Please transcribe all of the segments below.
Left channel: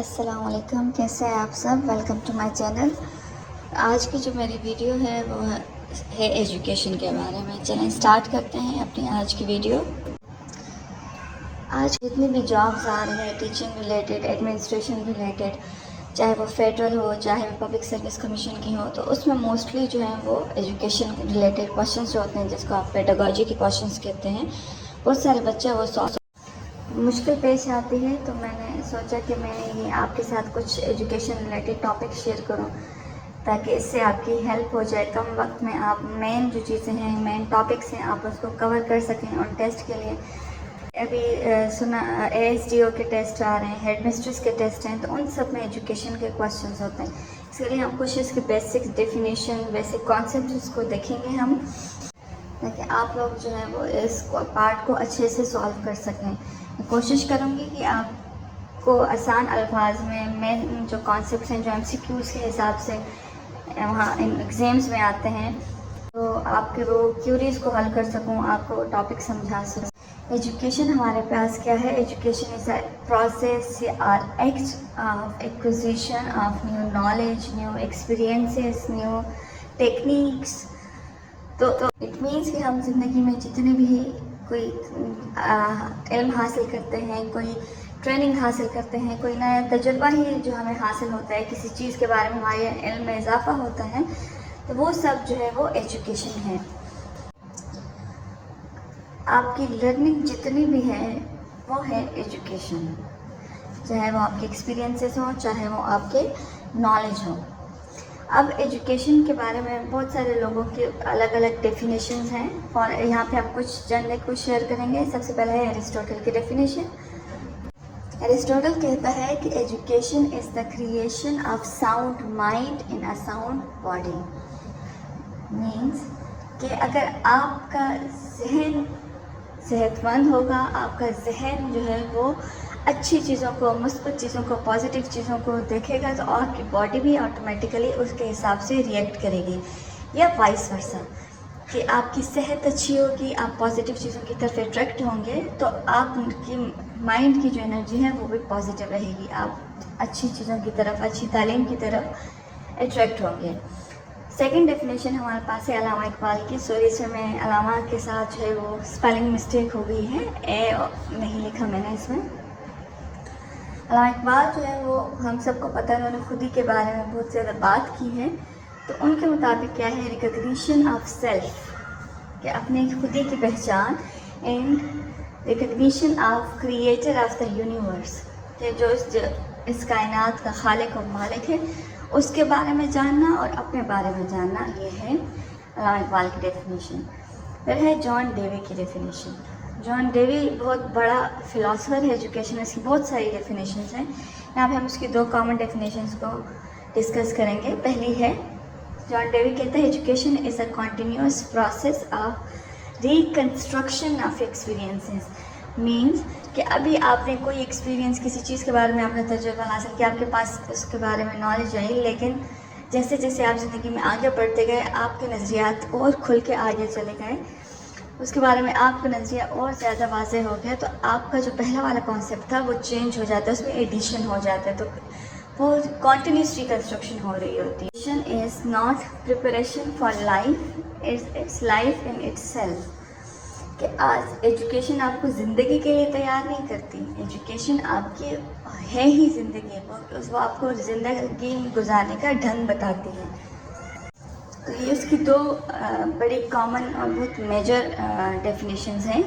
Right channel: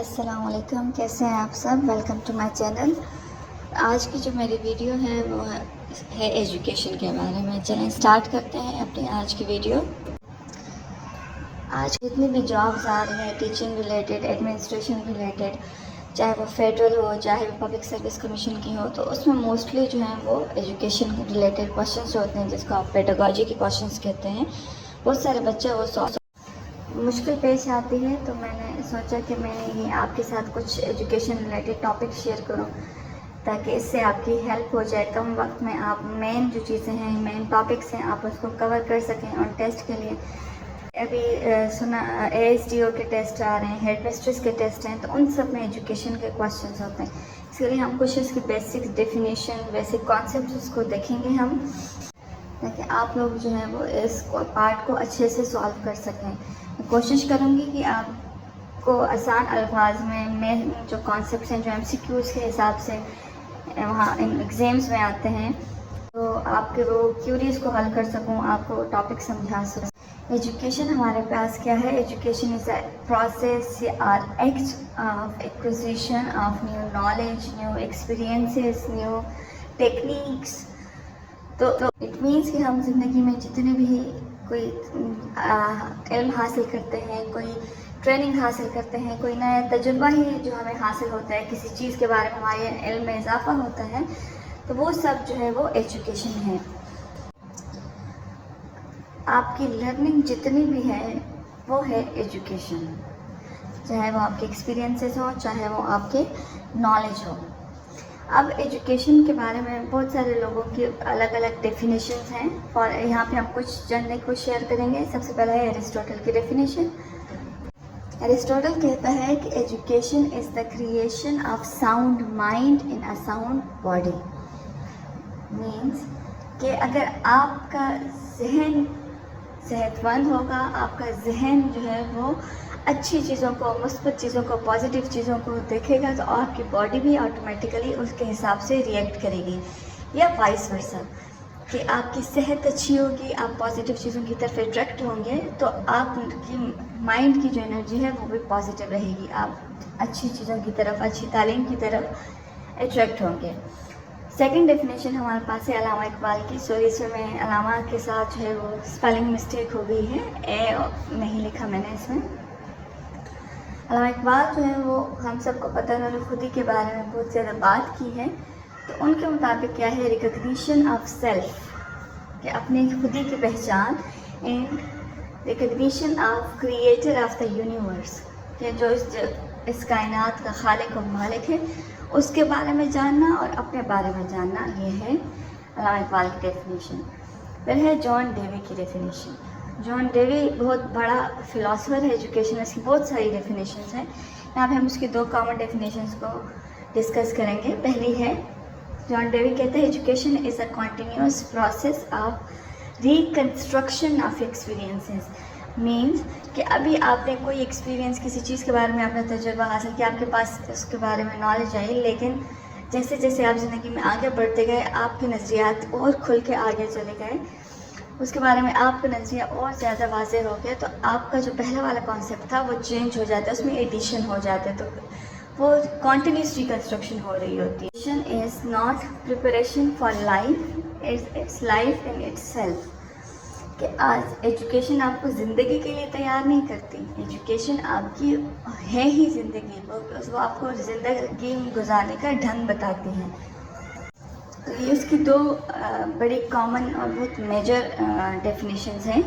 السلام علیکم، کیسے ہیں آپ سب؟ Welcome to my channel. آج کی جو میری ویڈیو ہے وہ ہے ایجوکیشن کے بارے میں۔ چلیں اسٹارٹ کرتے ہیں اپنی آج کی ویڈیو۔ آج جتنی بھی جابز آ رہی ہیں ٹیچنگ ریلیٹڈ، ایڈمنسٹریشن ریلیٹڈ، چاہے وہ فیڈرل ہو چاہے وہ پبلک سروس کمیشن کی ہو، تو اس میں موسٹلی جو ہیں وہ ایجوکیشن ریلیٹڈ کوشچنس ہوتے ہیں، جس کو آپ پیڈاگوجی کے کوشچنس کہتے ہیں۔ بہت سارے بچے وہ مشکل پیش آتی ہے، تو میں نے سوچا کہ میں یہ آپ کے ساتھ کچھ ایجوکیشن ریلیٹڈ ٹاپک شیئر کروں، تاکہ اس سے آپ کی ہیلپ ہو جائے۔ کم وقت میں آپ مین جو چیزیں ہیں، مین ٹاپکس ہیں، آپ اس کو کور کر سکیں۔ اور ٹیسٹ کے لیے ابھی سنا ASDO کے ٹیسٹ آ رہے ہیں، ہیڈ مسٹریس کے ٹیسٹ ہیں، تو ان سب میں ایجوکیشن کے کویشچنس ہوتے ہیں۔ اس کے لیے ہم کچھ اس کی بیسک ڈیفینیشن، بیسک کانسیپٹس کو دیکھیں گے ہم، تاکہ آپ لوگ جو ہیں وہ اس پارٹ کو اچھے سے سالو کر سکیں۔ کوشش کروں گی کہ آپ کو آسان الفاظ میں مین جو کانسیپٹس ہیں، جو MCQs کے حساب سے وہاں ایگزامس میں آتے ہیں، تو آپ کے وہ کیوریز کو حل کر سکوں، آپ کو ٹاپک سمجھا سکوں۔ ایجوکیشن ہمارے پاس کیا ہے؟ ایجوکیشن از اے پروسیس اور act of acquisition of new knowledge, new experiences, new techniques. تو اٹ مینس کہ ہم زندگی میں جتنے بھی کوئی علم حاصل کرتے ہیں، کوئی ٹریننگ حاصل کرتے ہیں، کوئی نیا تجربہ ہی جو ہمیں حاصل ہوتا ہے، کسی چیز کے بارے میں ہمارے علم میں اضافہ ہوتا ہے، تو وہ سب جو ہے وہ ایجوکیشن ہے۔ آپ کی لرننگ جتنی بھی ہے وہ ہے ایجوکیشن، چاہے وہ آپ کے ایکسپیرینسز ہوں، چاہے وہ آپ کے نالج ہو۔ اب ایجوکیشن کے بارے میں بہت سارے لوگوں کی الگ الگ ڈیفینیشنز ہیں، اور یہاں پہ ہم کچھ شیئر کریں گے۔ سب سے پہلے ہے ایرسٹوٹل کی ڈیفینیشن۔ ایرسٹوٹل کہتا ہے کہ education is the creation of sound mind in a sound body. Means کہ اگر آپ کا ذہن صحت مند ہوگا، آپ کا ذہن جو ہے وہ اچھی چیزوں کو، مثبت چیزوں کو، پازیٹیو چیزوں کو دیکھے گا، تو آپ کی باڈی بھی آٹومیٹیکلی اس کے حساب سے ریئیکٹ کرے گی، یا وائس ورسا، کہ آپ کی صحت اچھی ہوگی، آپ پازیٹیو چیزوں کی طرف اٹریکٹ ہوں گے، تو آپ کی مائنڈ کی جو انرجی ہے وہ بھی پازیٹیو رہے گی، آپ اچھی چیزوں کی طرف، اچھی تعلیم کی طرف اٹریکٹ ہوں گے۔ سیکنڈ ڈیفینیشن ہمارے پاس ہے علامہ اقبال کی۔ سوری سے میں علامہ کے ساتھ جو ہے وہ اسپیلنگ مسٹیک ہو گئی ہے، اے نہیں لکھا میں نے اس میں۔ علامہ اقبال جو ہیں وہ ہم سب کو پتہ ہے، انہوں نے خودی کے بارے میں بہت زیادہ بات کی ہے۔ تو ان کے مطابق کیا ہے؟ ریکگنیشن آف سیلف، کہ اپنے خودی کی پہچان، and recognition of creator of the universe, کہ جو اس کائنات کا خالق و مالک ہے، اس کے بارے میں جاننا اور اپنے بارے میں جاننا، یہ ہے علامہ اقبال کی ڈیفینیشن۔ پھر ہے جان ڈیوی کی ڈیفینیشن۔ جان ڈیوی بہت بڑا فلاسفر ہے ایجوکیشن، اس کی بہت ساری ڈیفینیشنز ہیں۔ یہاں پہ ہم اس کی دو کامن ڈیفینیشنز کو ڈسکس کریں گے۔ پہلی ہے، جان ڈیوی کہتا ہے education is a continuous process of reconstruction of experiences. Means کہ ابھی آپ نے کوئی ایکسپیرینس، کسی چیز کے بارے میں آپ نے تجربہ حاصل کیا، آپ کے پاس اس کے بارے میں نالج آئی، لیکن جیسے جیسے آپ زندگی میں آگے بڑھتے گئے، آپ کے نظریات اور کھل کے آگے چلے گئے، اس کے بارے میں آپ کا نظریہ اور زیادہ واضح ہو گیا، تو آپ کا جو پہلا والا کانسیپٹ تھا وہ چینج ہو جاتا ہے، اس میں ایڈیشن ہو جاتا ہے، تو وہ کنٹینیوس ریکنسٹرکشن ہو رہی ہوتی ہے۔ Education is not preparation for life, it's life in itself, کہ آج ایجوکیشن آپ کو زندگی کے لیے تیار نہیں کرتی، ایجوکیشن آپ کی ہے ہی زندگی، وہ آپ کو زندگی گزارنے کا ڈھنگ بتاتی ہے۔ یہ اس کی دو بڑی کامن اور بہت میجر ڈیفینیشنز ہیں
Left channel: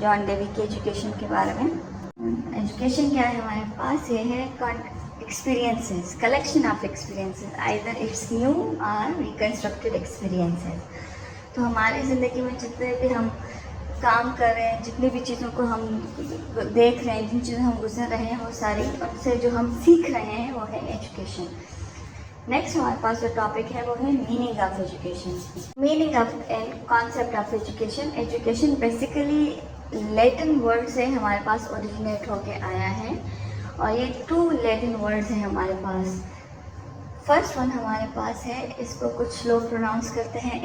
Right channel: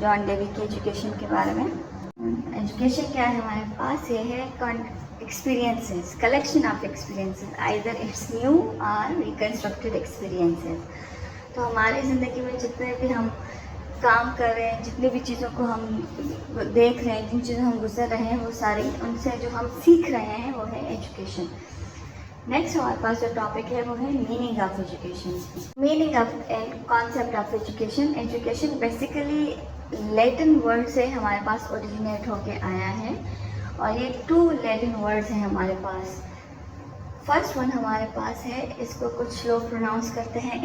جان ڈیوی کے ایجوکیشن کے بارے میں۔ ایجوکیشن کیا ہے ہمارے پاس؟ یہ ہے experiences, collection of experiences, either it's new or reconstructed experiences. تو ہماری زندگی میں جتنے بھی ہم کام کر رہے ہیں، جتنے بھی چیزوں کو ہم دیکھ رہے ہیں، جن چیزوں ہم گزر رہے ہیں، وہ ساری ان سے جو ہم سیکھ رہے ہیں وہ ہے ایجوکیشن۔ نیکسٹ ہمارے پاس جو ٹاپک ہے وہ ہے meaning of education. Meaning of and concept of education. Education basically Latin word سے ہمارے پاس اوریجنیٹ ہو کے آیا ہے، اور یہ 2 لیٹن ورڈز ہیں ہمارے پاس۔ فرسٹ ون ہمارے پاس ہے، اس کو کچھ لوگ پروناؤنس کرتے ہیں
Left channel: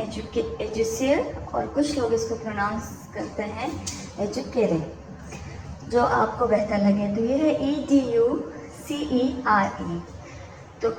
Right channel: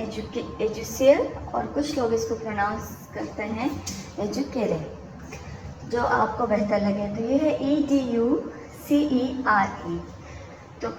ایجوسیئر، اور کچھ لوگ اس کو پروناؤنس کرتے ہیں ایجوکیرے، جو آپ کو بہتر لگے۔ تو یہ ہے EDUCARE، CERE. تو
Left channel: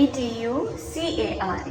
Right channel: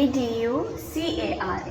EDUCARE.